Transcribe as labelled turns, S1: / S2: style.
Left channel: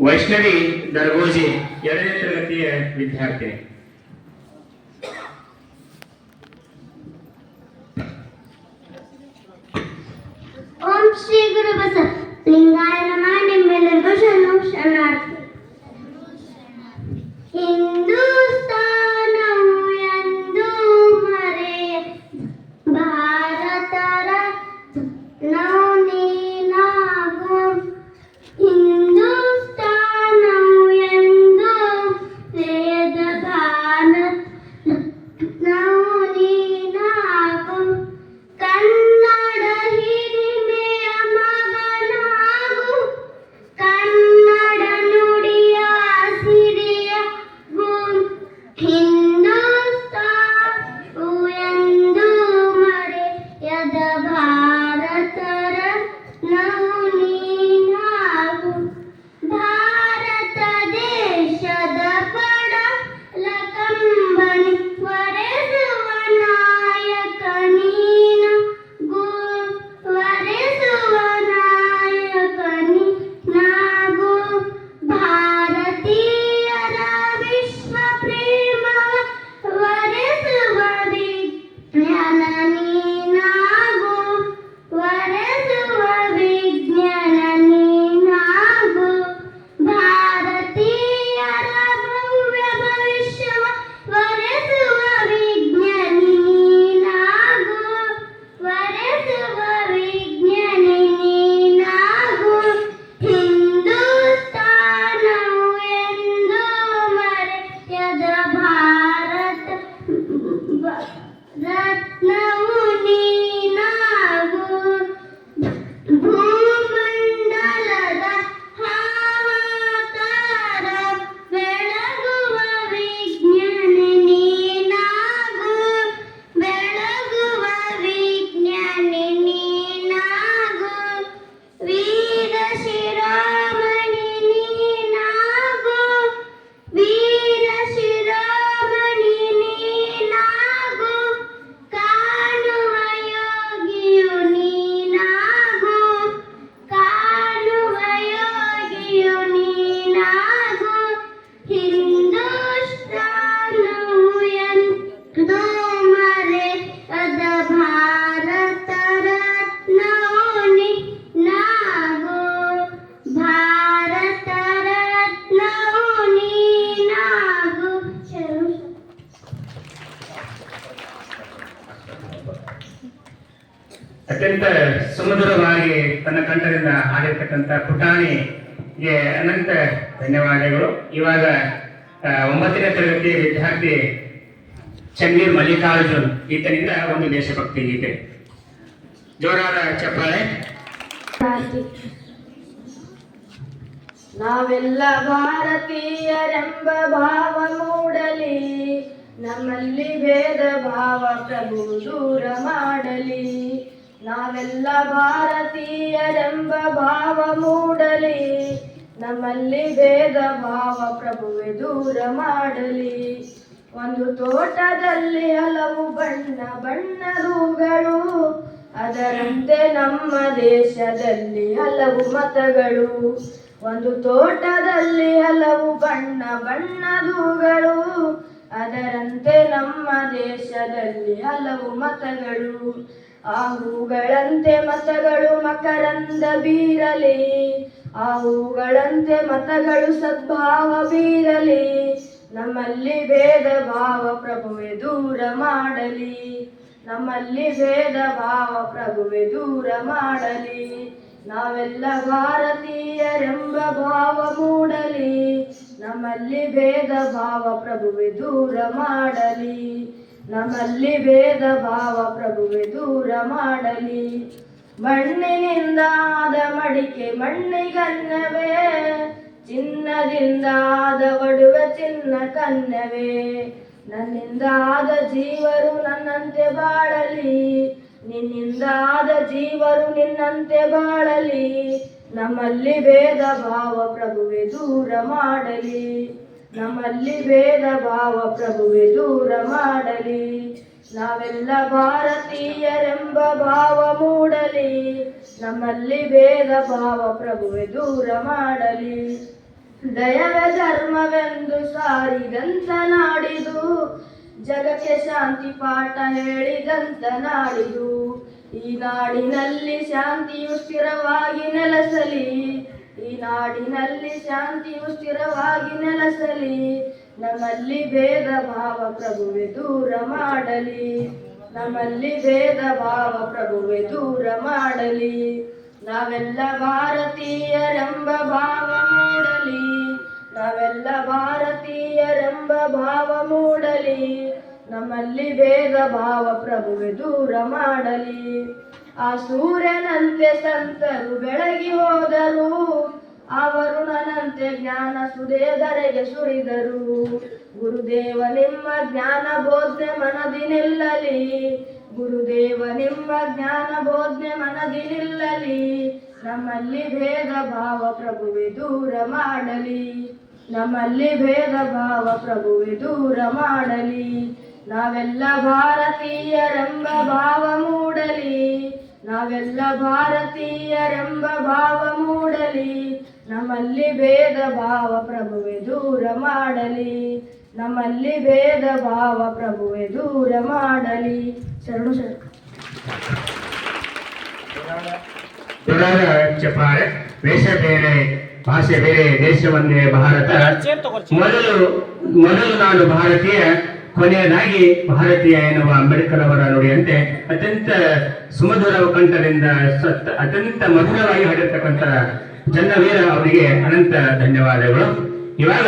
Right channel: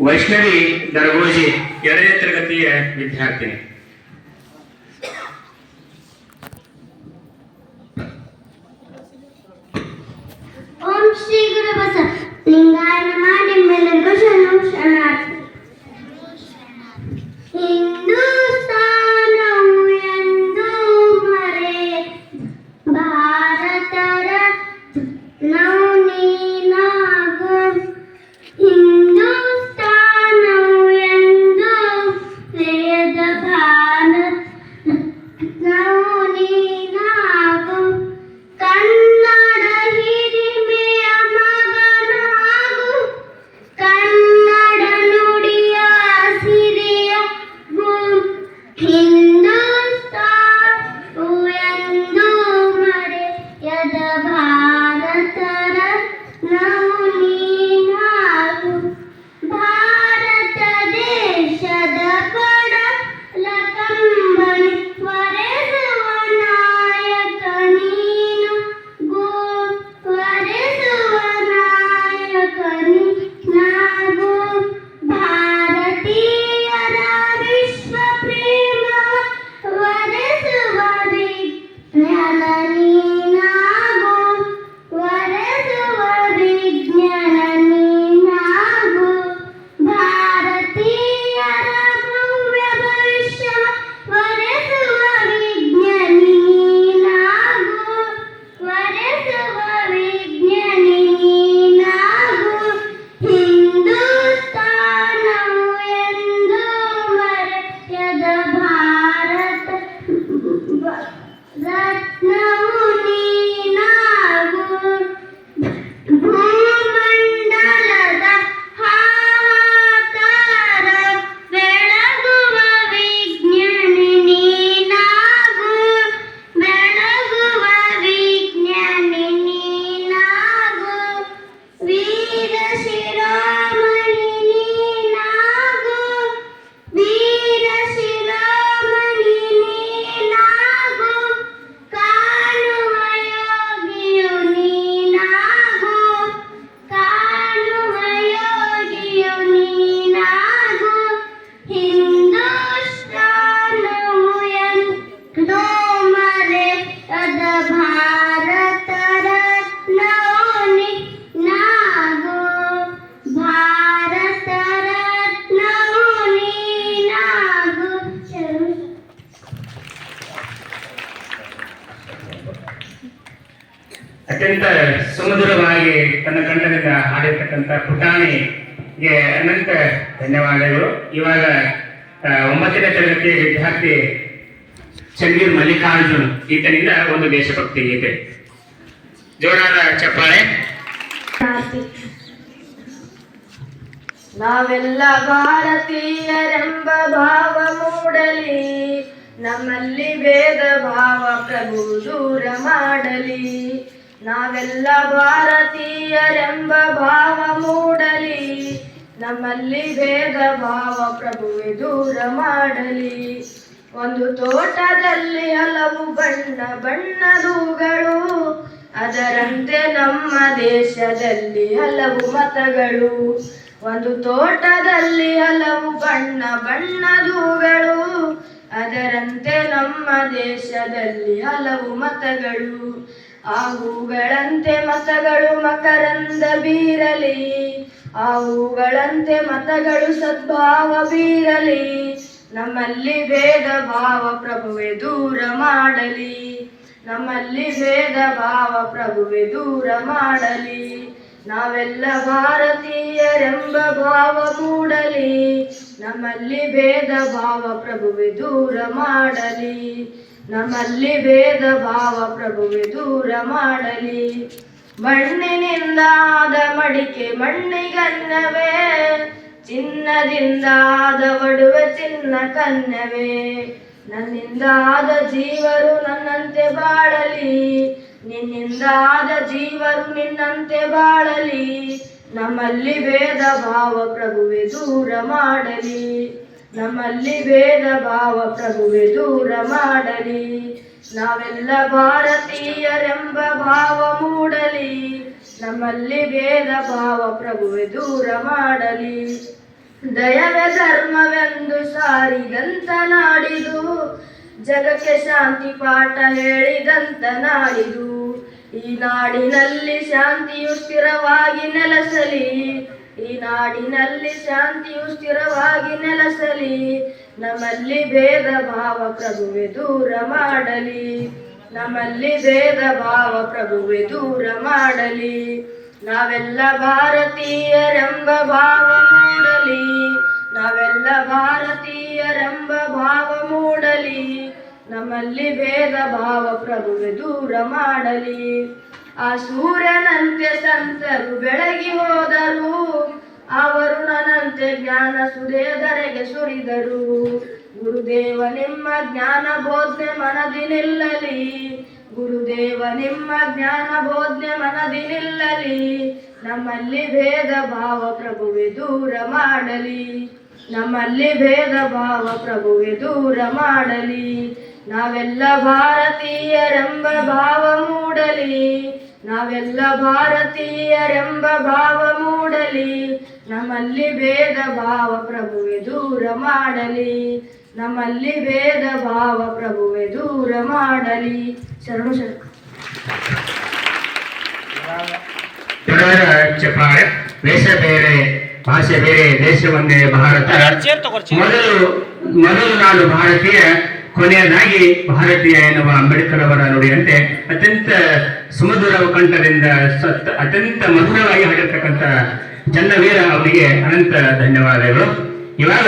S1: ವೈಷ್ಣವಿ ದರಗೋಜಿ ಎರಡನೇ ತರಗತಿಯ ವಿದ್ಯಾರ್ಥಿನಿ.
S2: in না
S1: ಅತ್ಯಂತ ಸುಮಧುರವಾಗಿ ತನ್ನ ಕಂಠದಿಂದ ಹಾಡಿರ್ತಕ್ಕಂಥ ಪುಟಾಣಿಗೆ ಅನಂತ ಧನ್ಯವಾದಗಳು. ಇವಾಗ ಒಂಬತ್ತನೇ ತರಗತಿಯ ವಿದ್ಯಾರ್ಥಿ ಚಂದೀರ್ ಮಲ್ಲಿಕಾರ್ಜುನ್, ಈತನಿಂದ ಒಂದು ದೇಶಭಕ್ತಿ ಗೀತೆ. ಜೋರಾದ ಚಪ್ಪಾಳೆ.
S3: ನಾವೆಲ್ಲ ಭಾರತೀಯರೆಂಬ ಭಾವ ಮೂಡಲಿ, ನಮ್ಮಲ್ಲಿ ವೇದ ಭಾವ ಪ್ರಭು ದೂರ ಮಾಡಲಿ. ನಾವೆಲ್ಲ ಭಾರತೀಯರೆಂಬ ಭಾವ ಮೂಡಲಿ, ನಮ್ಮಲ್ಲಿ ಭೇದ ಭಾವ ಪ್ರಭುವೆ ದೂರ ಮಾಡಲಿ. ಒಂದು ತೋಟದಲ್ಲಿ ಹಲವು ಬಣ್ಣ ಬಣ್ಣದೂಗಳು ಅದರಂತೆ ನಮ್ಮ ದೇಶದಲ್ಲಿ ಹಲವು ಮತಗಳು. ಒಂದು ತೋಟದಲ್ಲಿ ಹಲವು ಬಣ್ಣ ಬಣ್ಣದೂಗಳು ಅದರಂತೆ ನಮ್ಮ ದೇಶದಲ್ಲಿ ಹಲವು ಮತಗಳು. ಆ ಹೂಗಳಂತೆ ಮತಗಳು ಮಕರಂದ ಬೀರಲಿ. ಆ ಹೂಗಳಂತೆ ಮತಗಳು ಸದ್ಭಾವ ಬೀರಲಿ. ನಮ್ಮಲ್ಲಿ ಭೇದ ಭಾವ ಪ್ರಭುವೆ ದೂರ ಮಾಡಲಿ. ನಮ್ಮಲ್ಲಿ ಭೇದ ಭಾವ ಪ್ರಭುವೆ ದೂರ ಮಾಡಲಿ. ನಾವೆಲ್ಲ ಭಾರತೀಯರೆಂಬ ಭಾವ ಮೂಡಲಿ. ನಮ್ಮಲ್ಲಿ ಭೇದ ಭಾವ ಪ್ರಭುವೆ ದೂರ ಮಾಡಲಿ. ನಮ್ಮಲ್ಲಿ ಭೇದ ಭಾವ ಪ್ರಭುವೆ ದೂರ ಮಾಡಲಿ. ಮಣ್ಣಿನಿಂದಾದ ಮಡಿಕೆ ಮಣ್ಣಿಗನ್ನವೇ, ಚಿನ್ನದಿಂದಾದ ಒಡುವೆ ಚಿನ್ನ ಕನ್ನವೇ. ನನ್ನಿಂದಾದ ಜೀವರು ನನ್ನಂತೆ ಬಾಳಲಿ, ನಿನ್ನಿಂದಾದ ಜೀವರು ನಿನ್ನಂತೆ ಬಾಳಲಿ. ನಮ್ಮಲ್ಲಿ ಭೇದ ಭಾವ ಪ್ರಭುವೆ ದೂರ ಮಾಡಲಿ. ನಮ್ಮಲ್ಲಿ ಭೇದ ಭಾವ ಪ್ರಭುವೆ ದೂರ ಮಾಡಲಿ. ನಾವೆಲ್ಲ ಭಾರತೀಯರೆಂಬ ಭಾವ ಮೂಡಲಿ. ನಮ್ಮಲ್ಲಿ ಭೇದ ಭಾವ ಪ್ರಭುವೆ ದೂರ ಮಾಡಲಿ. ದಯವೇ ಧರ್ಮವೆಂದು ಸಾರಿದಂತ ನಾಡಿದು. ಜಗಕ್ಕೆ ಶಾಂತಿ ಪಾಠ ಹೇಳಿದಂತ ನಾಡಿದು. ಈ ನಾಡಿನಲ್ಲಿ ಶಾಂತಿಯು ಸ್ಥಿರವಾಗಿ ನೆಲೆಸಲಿ. ಈ ನಾಡಿನಲ್ಲಿ ಶಾಂತಿಯು ಸ್ಥಿರವಾಗಿ ನೆಲೆಸಲಿ, ನಮ್ಮಲ್ಲಿ ಭೇದ ಭಾವ ಪ್ರಭುವೆ ದೂರ ಮಾಡಲಿ. ನಮ್ಮಲ್ಲಿ ಭೇದ ಭಾವ ಪ್ರಭುವೆ ದೂರ ಮಾಡಲಿ. ನಾವೆಲ್ಲ ಭಾರತೀಯರೆಂಬ ಭಾವ ಮೂಡಲಿ. ನಾವೆಲ್ಲ ಭಾರತೀಯರೆಂಬ ಭಾವ ಮೂಡಲಿ. ನಮ್ಮಲ್ಲಿ ಭೇದ ಭಾವ ಪ್ರಭುವೆ ದೂರ ಮಾಡಲಿ. ಆ ಸೂರ್ಯನಂತೆ ಸಂತರು ಬೆಳಗಿ ಹೋದರು ಜ್ಞಾನ ಸುರೇದರೆಗೆ ಸುರಿದರು. ಗುರುದೇವ ನಿಮ್ಮ ಜ್ಞಾನ ಬೋಧನೆ ಮನದಿ ನಿಲ್ಲಲಿ. ಗುರುದೇವ ನಿಮ್ಮ ಜ್ಞಾನ ಬೋಧನೆ ಮನದಿ ನಿಲ್ಲಲಿ. ನಮ್ಮಲ್ಲಿ ಭೇದ ಭಾವ ಪ್ರಭುವೆ ದೂರ ಮಾಡಲಿ. ನಮ್ಮಲ್ಲಿ ಭೇದ ಭಾವ ಪ್ರಭುವೆ ದೂರ ಮಾಡಲಿ. ನಾವೆಲ್ಲ ಭಾರತೀಯರೆಂಬ ಭಾವ ಮೂಡಲಿ. ನಾವೆಲ್ಲ ಭಾರತೀಯರೆಂಬ ಭಾವ ಮೂಡಲಿ ನಮ್ಮಲ್ಲಿ ಭೇದ ಭಾವ ಪ್ರಭುವೆ ದೂರ ಮಾಡಲಿ. ನಮ್ಮಲ್ಲಿ ಭೇದ ಭಾವ ಪ್ರಭುವೆ ದೂರ ಮಾಡಲಿ. ಶರಣು
S1: ಚಪ್ಪಾಳೆ ವೇಷ ಬೇರೆ ಭಾಷೆ ಬೇರೆ ದೇಶ ಒಂದೇ ಭಾರತ. ಮೊದಲು ಮೊದಲು ನಾನು ಭಾರತೀಯ. ಕೊನೆಯದಾಗಿ ಭಾರತೀಯ ಎನ್ನುವ ಅಂಬೇಡ್ಕರ್ ಅವರ ನುಡಿಯಂತೆ ಅತ್ಯಂತ ಸುಮಧುರ ಕಂಠದಿಂದ ಸತ್- ಅತ್ಯಂತ ಮಧುರವಾಗಿ ಹಾಡಿರ್ತಕ್ಕಂಥ ಚನ್ನವೀರ ಅವರಿಗೆ ಅನಂತ ಧನ್ಯವಾದಗಳು. ಇವಾಗ